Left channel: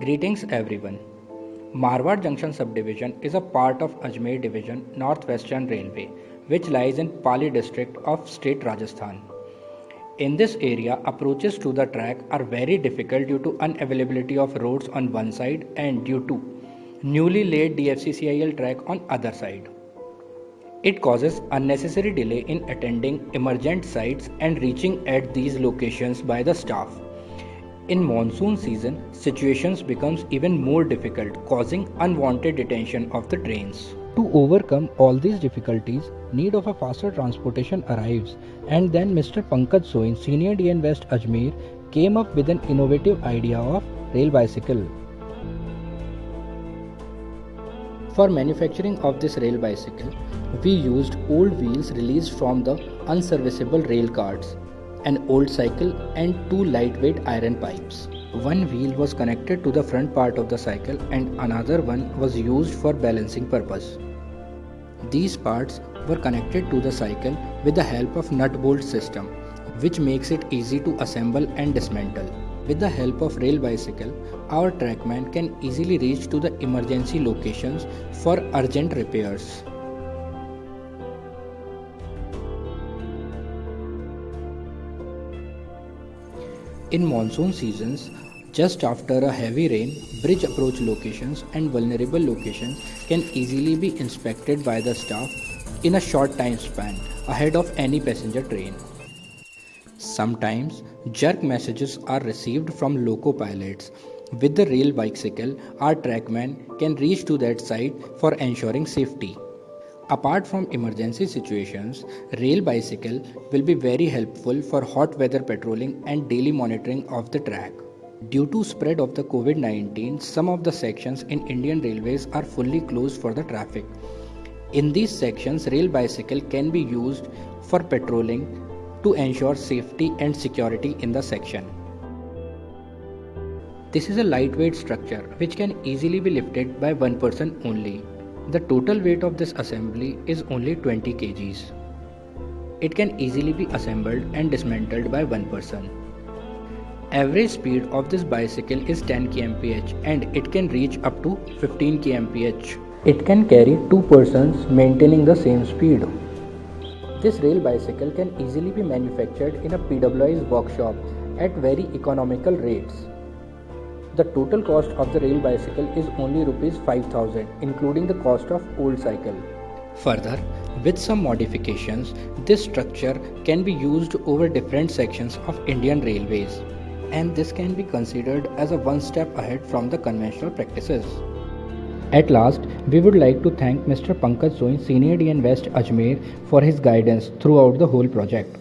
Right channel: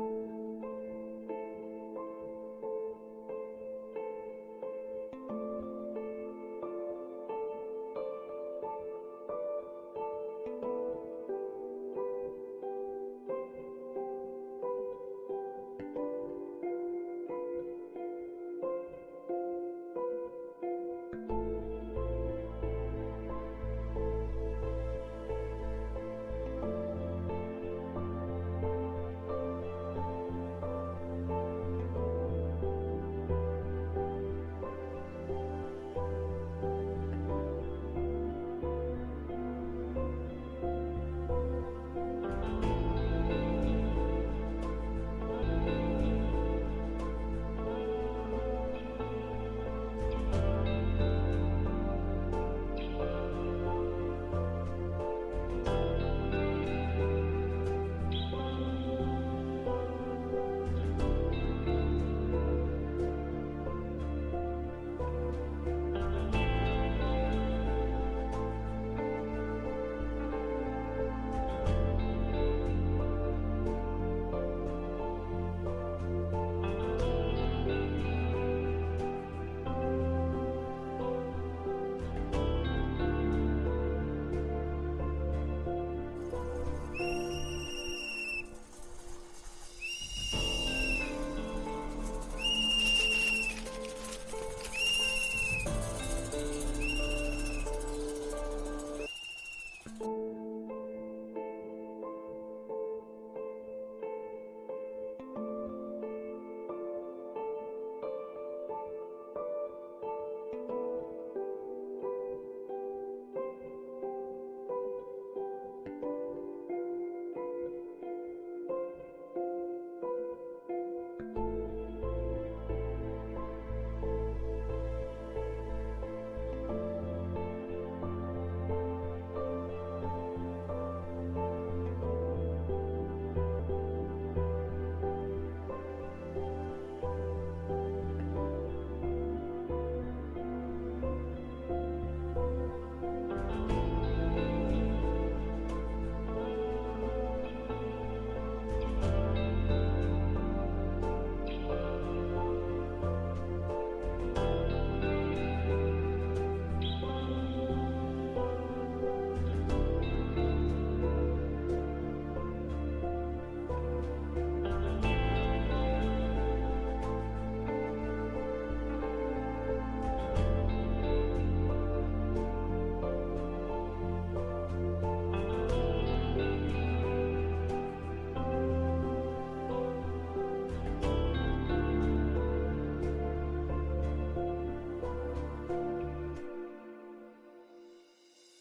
Greetings everyone. Marwar Junction subdivision is a part of Ajmer division Northwestern Railway which lies in Pali district of state Rajasthan. In this area approaches to the track are very difficult due to unavailability of roads on one side and due to newly laid DFCCIL track on other side. It causes unnecessary delay in attending emergent sites and reaching at these locations by the staff. In monsoon season, situations becomes even more difficult, causing unwanted detention of the trains. To overcome all these difficulties, need of a faster transportation arrives, and then Mr. Pankaj Soin, Senior DN West Ajmer, came up with an innovative idea of rail bicycle. For manufacturing of this rail bicycle, we used old wheels released from the unserviceable rail cars, an old cycle and two lightweight iron pipes. One wheel was connected to the front part of the cycle and another one was used for balancing purpose. These parts were connected to the cycle with the help of nut bolt system, which makes it easy to assemble and dismantle. With the help of rail bicycle, our trackman can easily reach to the emergency locations for urgent repairs. In monsoon seasons, just after a heavy rain, bridge approach locations and vulnerable locations can easily be inspected by the staff in a short time span ahead of any passenger train. Sometimes jerk messages are received from loco pilots. With the rail bicycle, our trackman can reach to that site for ensuring safety. Apart from emergency situations, rail bicycle will be very helpful for hot weather patrolling and daily monitoring of the track. Due to spread of the COVID-19, some of the sections in Indian Railways are fully closed for the traffic. In these sections, rail bicycle can be used for patrolling to ensure safety and security in the section. This is a lightweight structure which can easily be lifted by one person only. The total weight of this assembly is only 20 kgs. It can easily be assembled and dismantled by one person. Average speed of this bicycle is 10 kmph and it can reach up to 15 kmph. It can carry two persons maintaining the same speed. This rail bicycle can easily be manufactured in a PWI's workshop at very economical rates. The total cost of the rail bicycle is only Rs 5000 including the cost of old cycle. Further, with some modifications, this structure can be used over different sections of Indian Railways, and this can be considered as a one step ahead from the conventional practices. At last, we would like to thank Mr. Pankaj Soin, Senior DN West Ajmer, for his guidance throughout the whole project.